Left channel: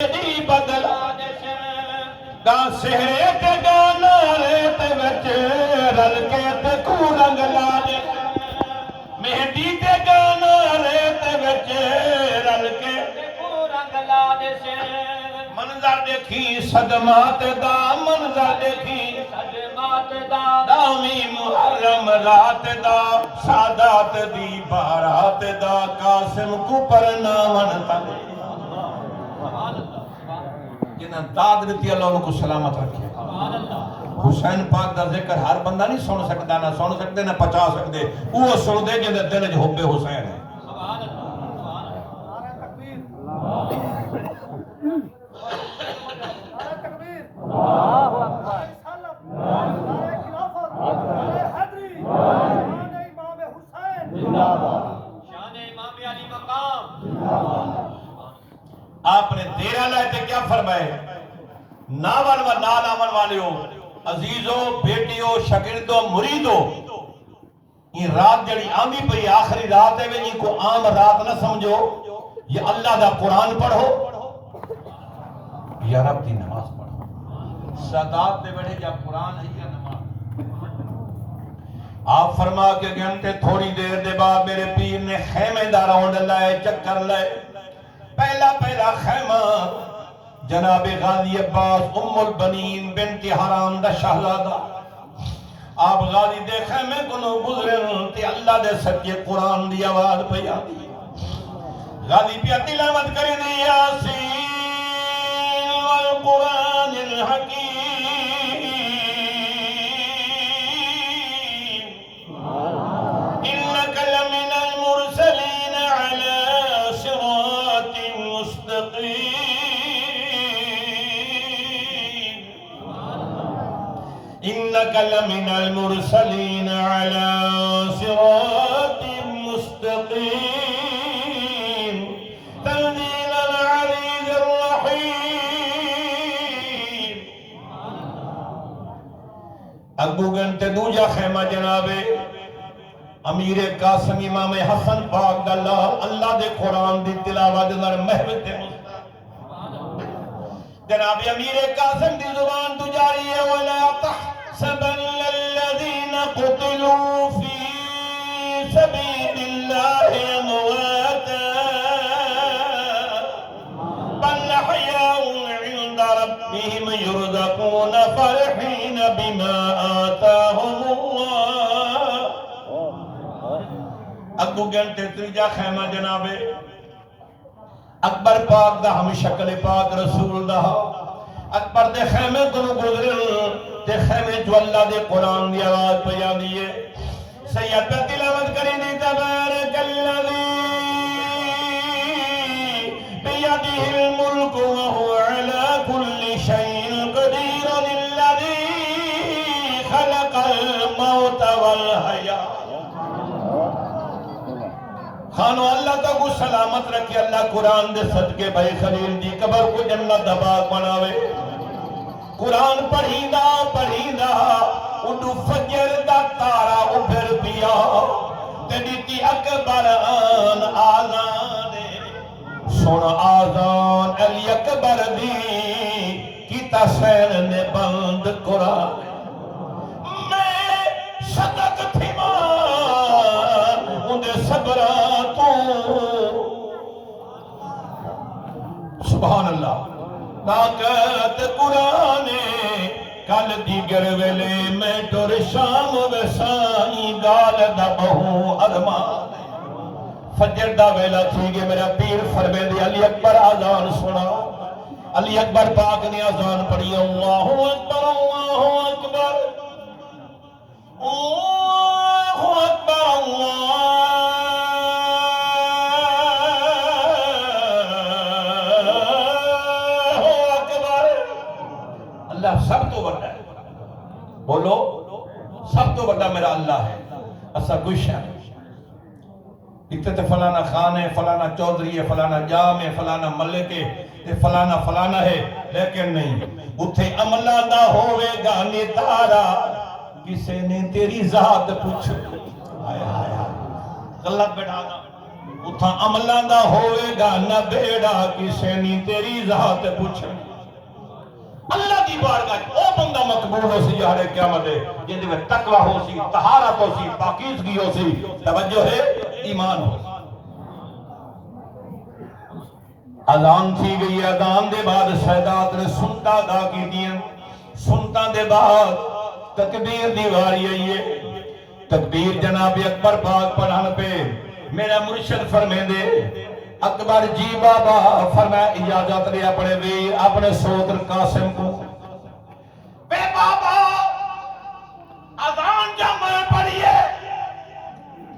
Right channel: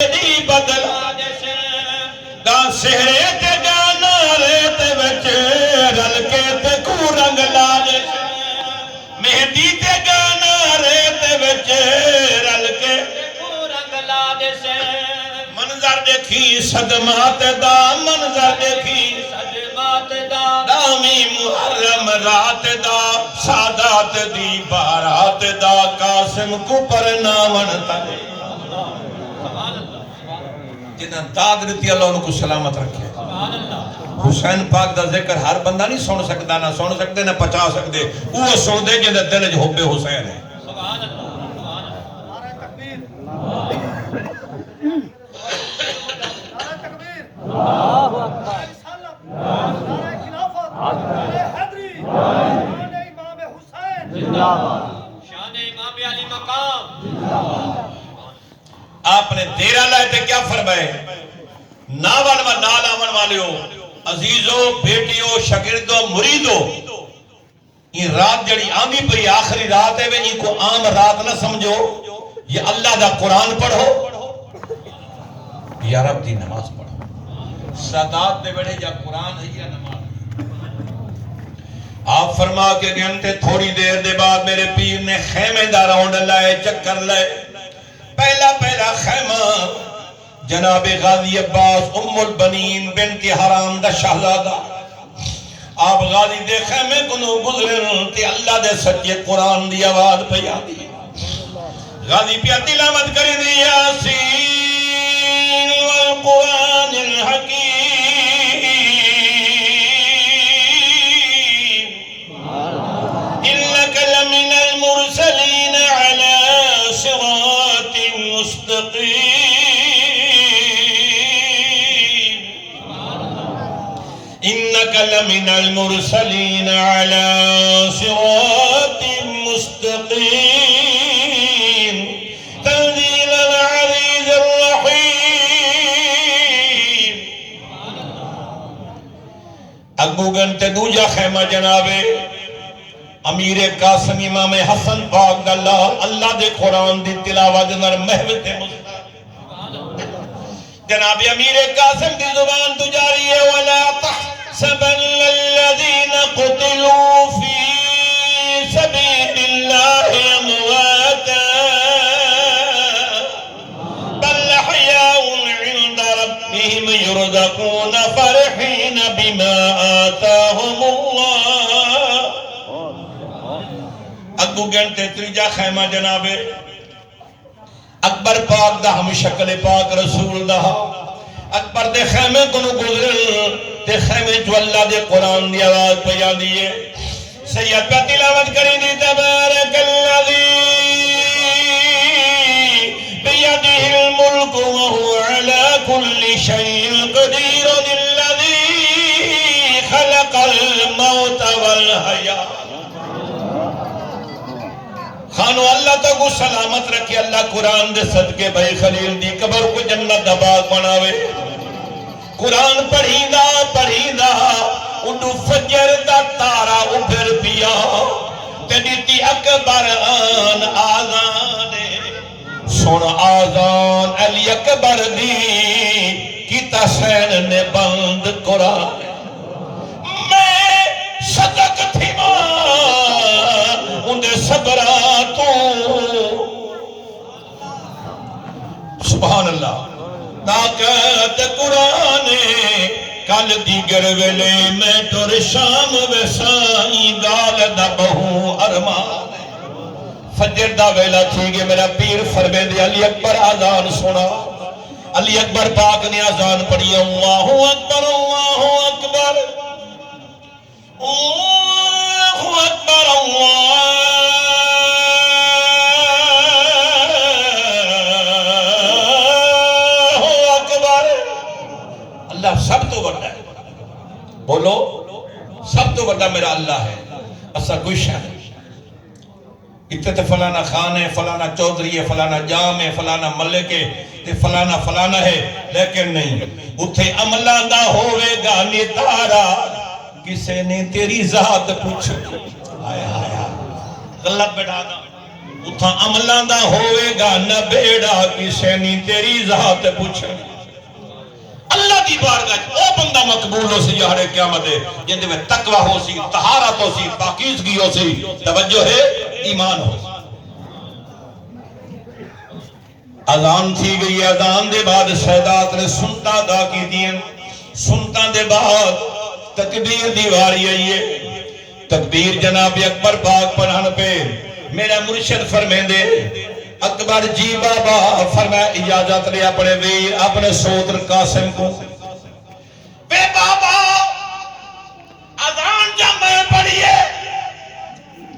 دی بدلا دا سہرے تے گانا ریت وچ رل کے تے کو رنگ لا دے مہندی تے گانا ریت وچ رل کے کو رنگ لا دے منظر دیکھی صدمات دا منظر دیکھی صدمات دا دامی محرم رات دا سادات دی بارات دا قاسم کو پرنامن تلے جنہاں داد رتی اللہ انہوں کو سلامت رکھے حسین پاک دا ذکر ہر بندہ نہیں سن سکتا نہ سن سکتے نہ پچا سکتے وہ سن دے جنہاں دل جو حب حسین ہے سبحان اللہ نعرہ تکبیر نعرہ تکبیر نعرہ رسالت نعرہ خلافت نعرہ حیدری شان امام حسین زندہ باد شان امام علی مقام زندہ باد آپ نے تیرہ لائے تے کیا فرمائے ناول و نال آمن والیو عزیزو بیٹیو شاگردو مریدو یہ رات جڑی آمی پہ آخری رات ہے ان کو عام رات نہ سمجھو یہ اللہ دا قرآن پڑھو یا رب دی نماز پڑھو سادات دے بڑے یا قرآن ہے یا نماز آپ فرما کے گھنٹے تھوڑی دیر دے بعد میرے پیر نے خیمہ دا راؤنڈ لائے چکر لائے پہلا خیمہ جناب غازی عباس ام البنین بنت حرام دا شہزادہ آپ غازی دے خیمے کنو گزرن تے اللہ دے سچے قرآن دی آواز پہ آدھی غازی پہ تلاوت کری دی یاسین والقرآن الحکیم انک لمن المرسلین علی صراط مستقیم إنك لمن المرسلين على صراط مستقيم تنزيل العزيز الرحيم ابو گھنٹے دوجا خیمہ جنابے امیر قاسم امام حسن پاک اللہ دے قرآن دی تلاوت در محو تے جناب امیر قاسم دی زبان تو جاری ہے وَلَا تَحْسَبَنَّ الَّذِينَ قُتِلُوا فِي سَبِيلِ اللَّهِ أَمْوَاتًا بَلْ أَحْيَاءٌ عِندَ رَبِّهِمْ يُرْزَقُونَ فَرِحِينَ بِمَا آتَاهُمُ اللَّهُ اگو گھنٹے تریجا خیمہ جنابے اکبر پاک دا ہم شکل پاک رسول دا اکبر دے خیمے کنو گزرن تے خیمے جو اللہ دے قرآن دی آواز پہ دیئے سید پہ تلاوت کری دی تبارک اللذی بیدہ الملک وہو علا کل شیء قدیر اللذی خلق الموت والحیاء خانو اللہ تو کو سلامت رکھے اللہ قرآن دے صدقے بھائی خلیل دی قبر کو جنت دباغ بناوے قرآن پڑھیندہ اڈو فجر دا تارا ابھر پیا تیڈیتی اکبر آن آزانے سن آزان علی اکبر دی کی تسین نے بند قرآن میں صدق تھی ماں اندے صبراتوں سبحان اللہ طاقت قرآن کل دیگر ویلے میں تر شام ویسائی دال دا بہو ارمان فجر دا ویلا تھی گے میرا پیر فرمے دے علی اکبر آزان سنا علی اکبر پاک نے آزان پڑھی اللہ اکبر اللہ اکبر اللہ اکبر اللہ اللہ سب تو بڑا ہے بولو سب تو بڑا میرا اللہ ہے اسا کوئی شاہ ہے اتنے فلانا خان ہے فلانا چودھری ہے فلانا جام ہے فلانا ملک ہے فلانا ہے لیکن نہیں اتھے عملہ دا ہوئے گا نتارا کسے نے تیری ذات پوچھ آئے غلط بیٹھا گا اتھا عملان دا ہوئے گا نہ بیڑا کسے نہیں تیری ذات پوچھا اللہ دی بارگاہ او بندہ مقبول ہو سی یہاں قیامت ہے جن دے میں تقوی ہو سی طہارت ہو سی پاکیزگی ہو سی توجہ ہے ایمان ہو سی اذان تھی گئی اذان دے بعد سیدات نے سنتا ادا کی دیا سنتا دے بعد تکبیر دیواری ہے تکبیر جناب اکبر پاک پڑھن پہ میرا مرشد فرمیندے اکبر جی بابا فرمایا اجازت لے اپنے ویر اپنے سوتر قاسم کو بے بابا اذان جب میں پڑھیے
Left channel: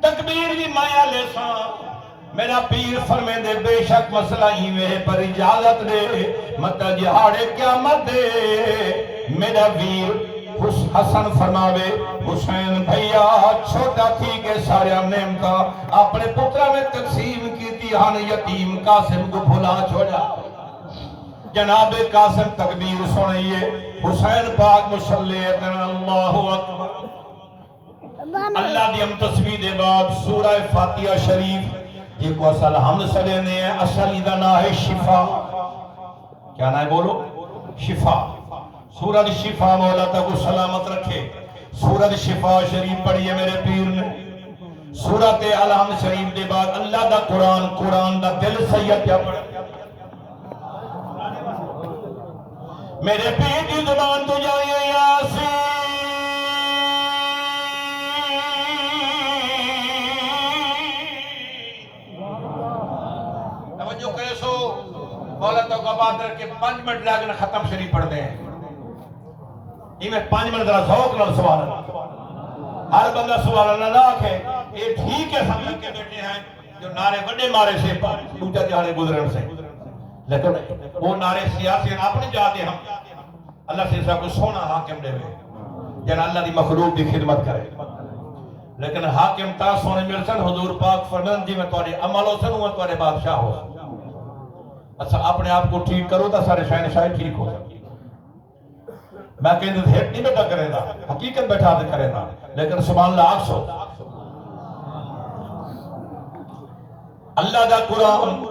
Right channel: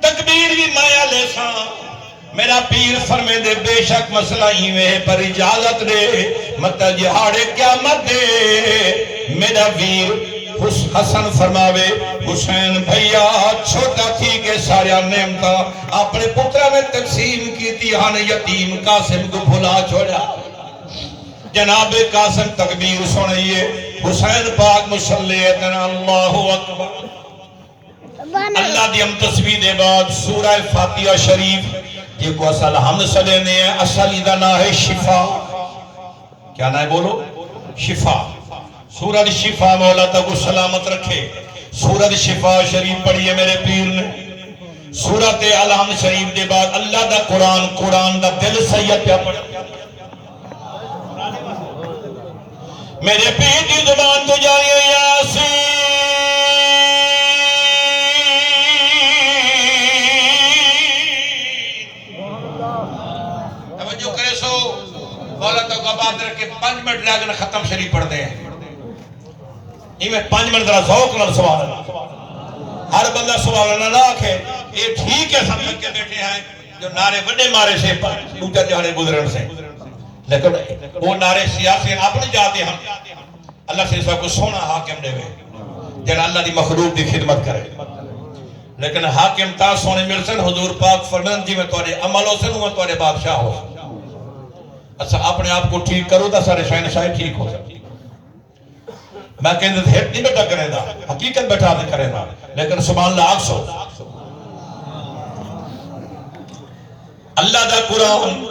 تکبیر بھی مایا لے ساں میرا پیر فرمے دے بے شک مسئلہ ہی میں پر اجازت دے مطلب جہاڑے قیامت دے میرا ویر حسن فرماوے حسین بھیا چھوٹا تھی کہ سارے نعمتاں اپنے پترہ میں تقسیم کی تھی ہن یتیم قاسم کو بھلا چھوڑا جناب قاسم تکبیر سنئیے حسین پاک مسلح اتنا اللہ اکبر اللہ دی ہم تسبیح دے بعد سورہ فاتحہ شریف یہ کو اصل حمد صلی نے اصل ادھا نہ ہے شفا کیا نہ ہے بولو شفا سورہ شفا مولا تک سلامت رکھے سورہ شفا شریف پڑھئے میرے پیر نے سورہ الحمد شریف دے بعد اللہ دا قرآن دا دل سید کیا پڑھا میرے پیر دی زبان تو جاری یاسین توجہ کرے سو مولا تو قباد رکھے 5 منٹ لگنا ختم شریف پڑھ دیں یہ میں 5 منٹ ذرا ذوق نہ سوال ہر بندہ سوال نہ آکھے یہ ٹھیک ہے سب کے بیٹھے ہیں جو نعرے وڈے مارے سے دوجا جہانے گزرن سے لیکن وہ نعرے سیاسی اپنے جاتے ہیں اللہ سے سب کو سونا حاکم دے ہوئے جن اللہ دی مخلوق دی خدمت کرے لیکن حاکم تا سونے ملسن حضور پاک فرمان جی میں توڑے عمل ہو سن ہوں توڑے بادشاہ ہو اچھا اپنے آپ کو ٹھیک کرو تا سارے شاہن شاہد ٹھیک ہو سکتی میں کہنے تھے ہٹ نہیں بیٹا کرے دا حقیقت بیٹھا دے کرے دا لیکن سبحان اللہ آگ سو اللہ دا قرآن